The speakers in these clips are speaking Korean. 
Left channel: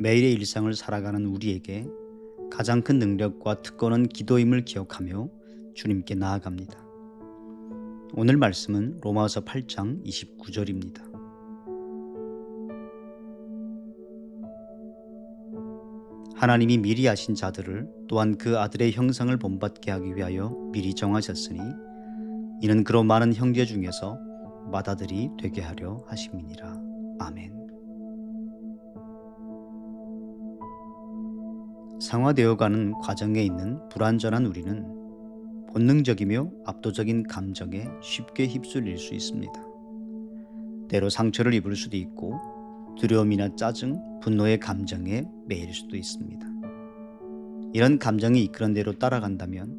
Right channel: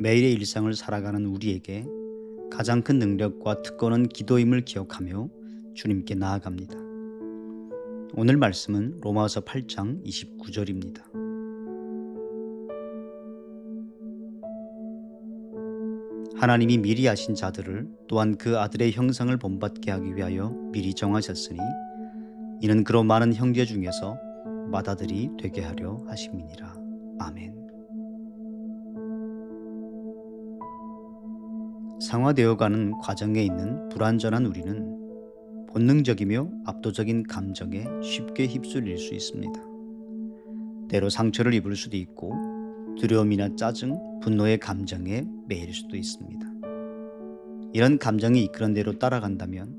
매일의 일상을 살아가는 우리에게 가장 큰 능력과 특권은 기도임을 기억하며 주님께 나아갑니다. 오늘 말씀은 로마서 8장 29절입니다. 하나님이 미리 아신 자들을 또한 그 아들의 형상을 본받게 하기 위하여 미리 정하셨으니 이는 그로 많은 형제 중에서 맏아들이 되게 하려 하심이니라. 아멘. 상화되어가는 과정에 있는 불완전한 우리는 본능적이며 압도적인 감정에 쉽게 휩쓸릴 수 있습니다. 때로 상처를 입을 수도 있고 두려움이나 짜증, 분노의 감정에 매일 수도 있습니다. 이런 감정이 이끄는 대로 따라간다면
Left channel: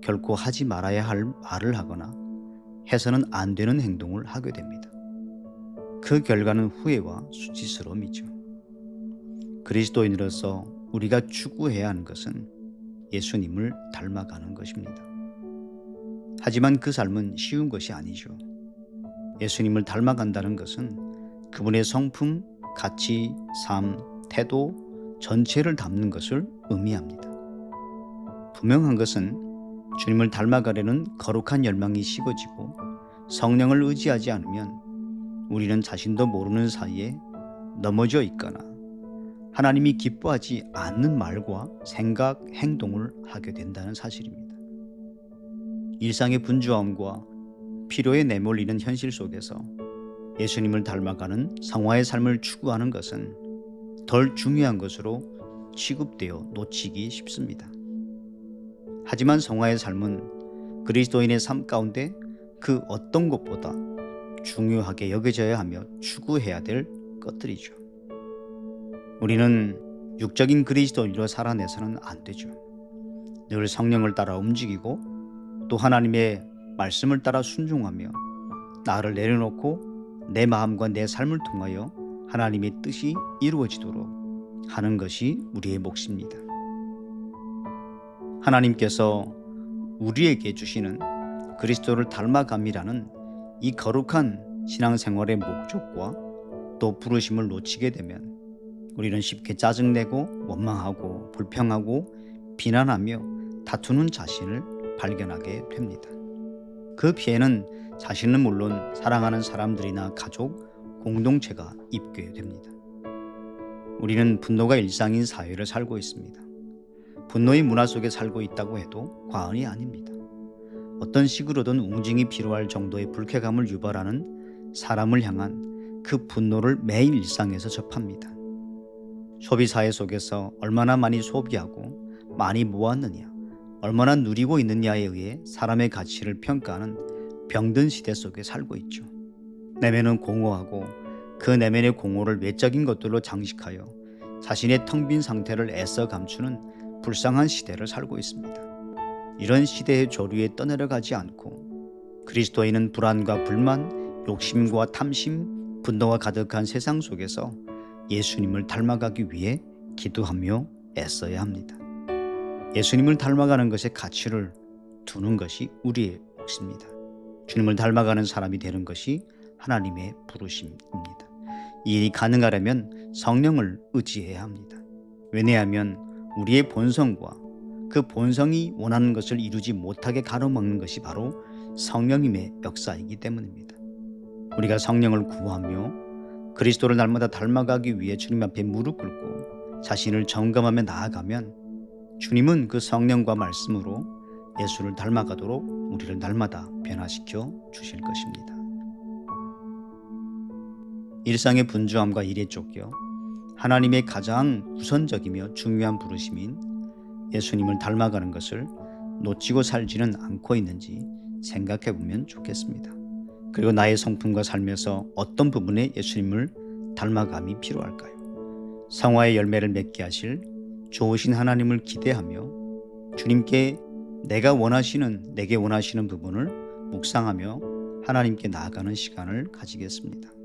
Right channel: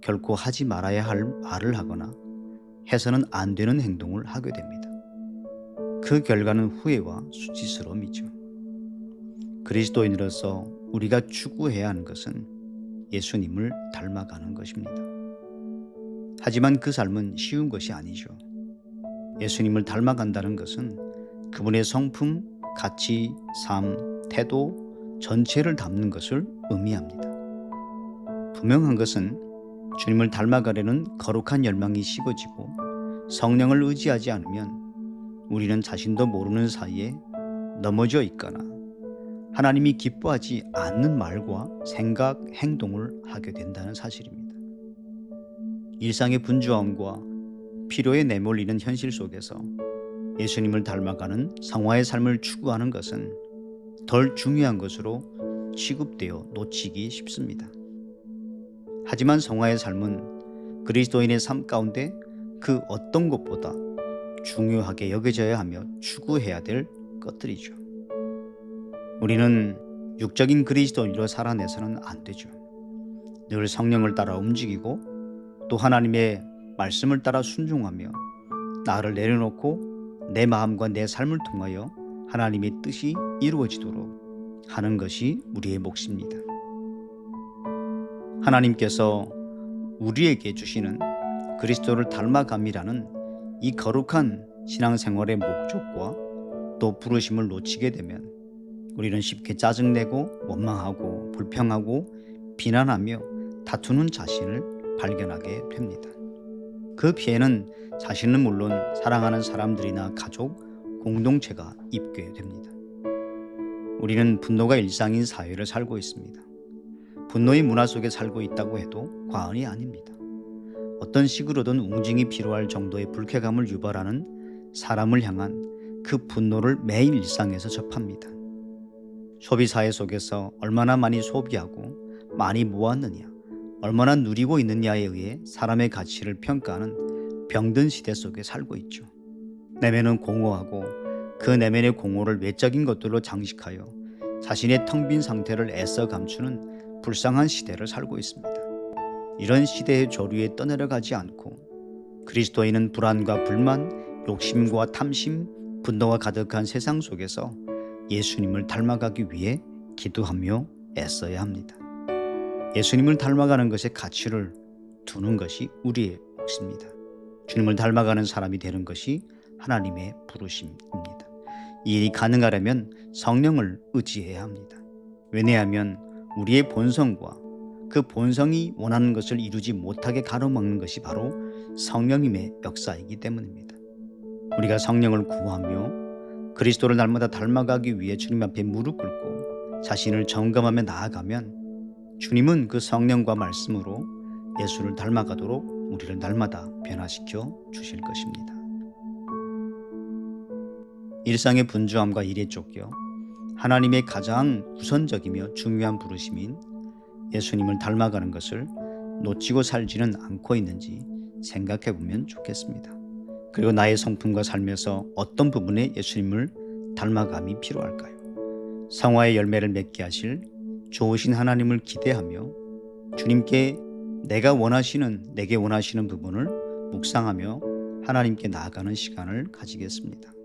결코 하지 말아야 할 말을 하거나 해서는 안 되는 행동을 하게 됩니다. 그 결과는 후회와 수치스러움이죠. 그리스도인으로서 우리가 추구해야 하는 것은 예수님을 닮아가는 것입니다. 하지만 그 삶은 쉬운 것이 아니죠. 예수님을 닮아간다는 것은 그분의 성품, 가치, 삶, 태도 전체를 담는 것을 의미합니다. 분명한 것은 주님을 닮아가려는 거룩한 열망이 식어지고 성령을 의지하지 않으면 우리는 자신도 모르는 사이에 넘어져 있거나 하나님이 기뻐하지 않는 말과 생각, 행동을 하게 된다는 사실입니다. 일상의 분주함과 필요에 내몰리는 현실 속에서 예수님을 닮아가는 성화의 삶을 추구하는 것은 덜 중요한 것으로 취급되어 놓치기 쉽습니다. 하지만 성화의 삶은 그리스도인의 삶 가운데 그 어떤 것보다 중요하게 여겨져야 하며 추구해야 될 것들이죠. 우리는 육적인 그리스도인으로 살아내서는 안 되죠. 늘 성령을 따라 움직이고 또 하나님의 말씀을 따라 순종하며 나를 내려놓고 내 마음과 내 삶을 통하여 하나님의 뜻이 이루어지도록 하는 것이 우리의 몫입니다. 하나님께서 우리에게 주시는 그리스도를 닮아감이라는 이 거룩한 신앙생활의 목적과 또 부르심을 놓치게 되면 우리는 쉽게 짜증내고 원망하고 불평하고 비난하며 다투는 자신을 발견하게 됩니다. 그 피해는 자신은 물론 사랑하는 사람들이나 가족, 공동체가 입게 됩니다. 우리는 분노가 일상인 사회를 살고 있습니다. 분노의 문화 속에 살고 있다고 해도 과언이 아닙니다. 어떤 식으로든 웅징이 필요할 정도의 불쾌감을 유발하는 사람을 향한 그 분노를 매일 일상에서 접합니다. 소비사회 속에서 얼마나 많이 소비하고 많이 모았느냐, 얼마나 누리고 있느냐에 의해 사람의 가치를 평가하는 병든 시대 속에 살고 있죠. 내면은 공허하고 그 내면의 공허를 외적인 것들로 장식하여 자신의 텅 빈 상태를 애써 감추는 불쌍한 시대를 살고 있습니다. 이런 시대의 조류에 떠내려가지 않고 그리스도인은 불안과 불만, 욕심과 탐심, 분노가 가득한 세상 속에서 예수님을 닮아가기 위해 기도하며 애써야 합니다. 예수님을 닮아가는 것에 가치를 두는 것이 우리의 몫입니다. 주님을 닮아가는 사람이 되는 것이 하나님의 부르심입니다. 이 일이 가능하려면 성령을 의지해야 합니다. 왜냐하면 우리의 본성과 그 본성이 원하는 것을 이루지 못하게 가로막는 것이 바로 성령님의 역사이기 때문입니다. 우리가 성령을 구하며 그리스도를 날마다 닮아가기 위해 주님 앞에 무릎 꿇고 자신을 점검하며 나아가면 주님은 그 성령과 말씀으로 예수를 닮아가도록 우리를 날마다 변화시켜 주실 것입니다. 일상의 분주함과 일에 쫓겨 하나님의 가장 우선적이며 중요한 부르심인 예수님을 닮아가는 것을 놓치고 살지는 않고 있는지 생각해 보면 좋겠습니다. 그리고 나의 성품과 삶에서 어떤 부분에 예수님을 닮아감이 필요할까요? 성화의 열매를 맺게 하실 좋으신 하나님을 기대하며 주님께 내게 원하시는 부분을 묵상하며 하나님께 나아가는 시간을 가지겠습니다.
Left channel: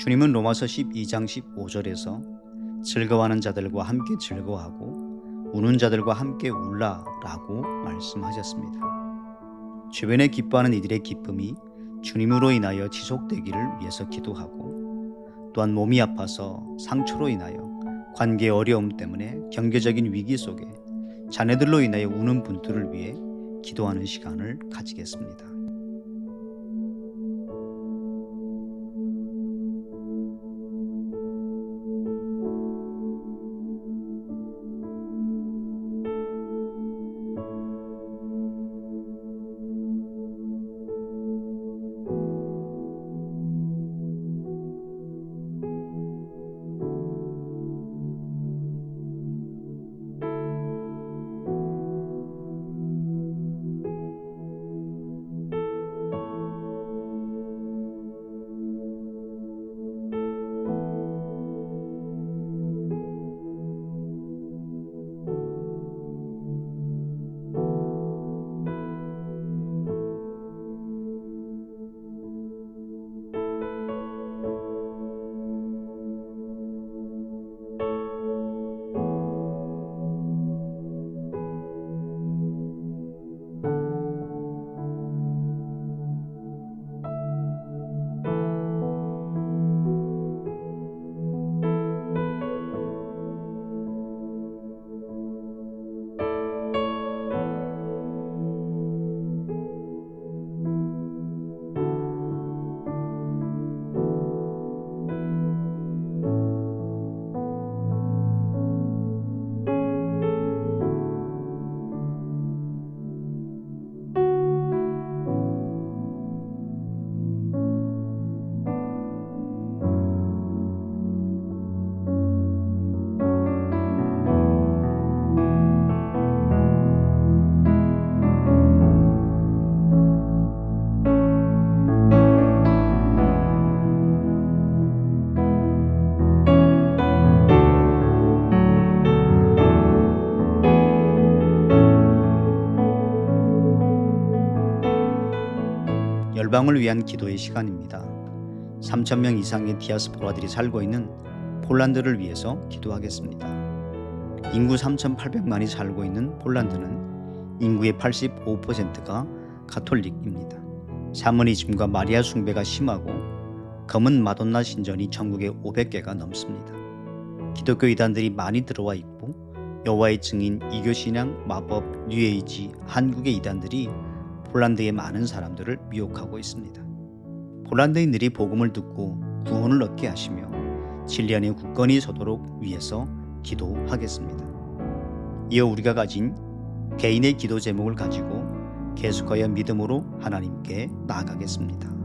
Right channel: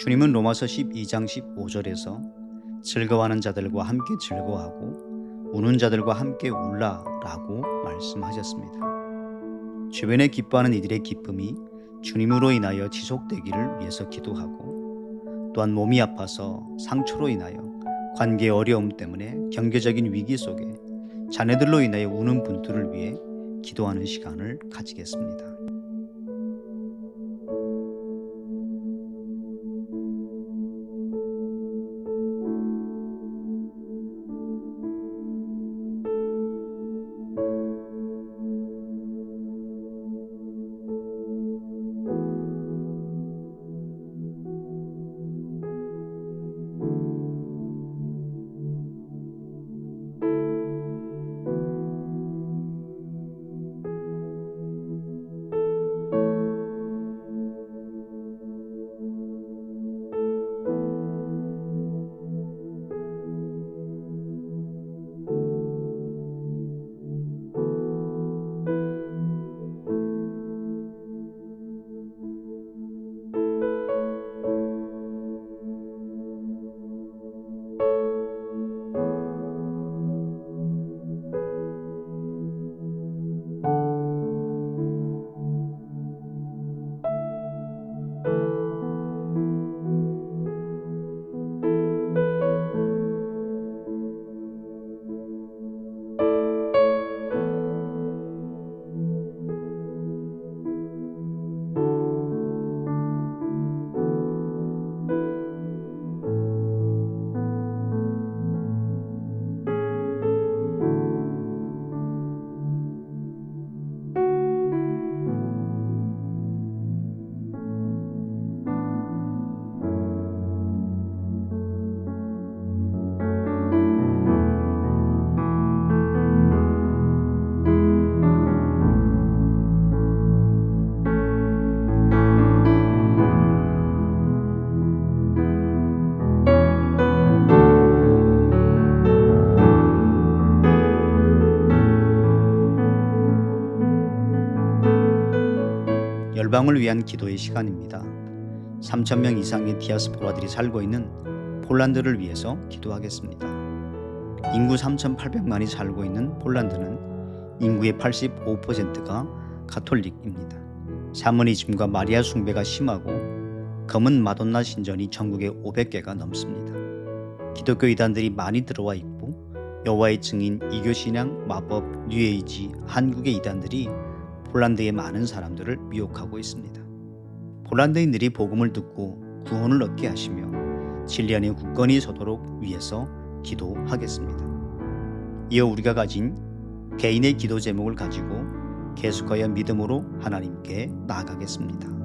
주님은 로마서 12장 15절에서 즐거워하는 자들과 함께 즐거워하고 우는 자들과 함께 울라라고 말씀하셨습니다. 주변에 기뻐하는 이들의 기쁨이 주님으로 인하여 지속되기를 위해서 기도하고, 또한 몸이 아파서 상처로 인하여 관계의 어려움 때문에 경제적인 위기 속에 자녀들로 인하여 우는 분들을 위해 기도하는 시간을 가지겠습니다. 열방을 위한 기도의 시간입니다. 3,000명 이상의 디아스포라들이 살고 있는 폴란드를 위해서 기도하겠습니다. 인구 3,800만이 살고 있는 폴란드는 인구의 85%가 가톨릭입니다. 샤머니즘과 마리아 숭배가 심하고 검은 마돈나 신전이 전국에 500개가 넘습니다. 기독교 이단들이 많이 들어와 있고 여호와의 증인, 이교신앙, 마법, 뉴에이지, 한국의 이단들이 폴란드의 많은 사람들을 미혹하고 있습니다. 폴란드인들이 복음을 듣고 구원을 얻게 하시며 진리 안에 굳건히 서도록 위해서 기도하겠습니다. 이어 우리가 가진 개인의 기도 제목을 가지고 계속하여 믿음으로 하나님께 나아가겠습니다.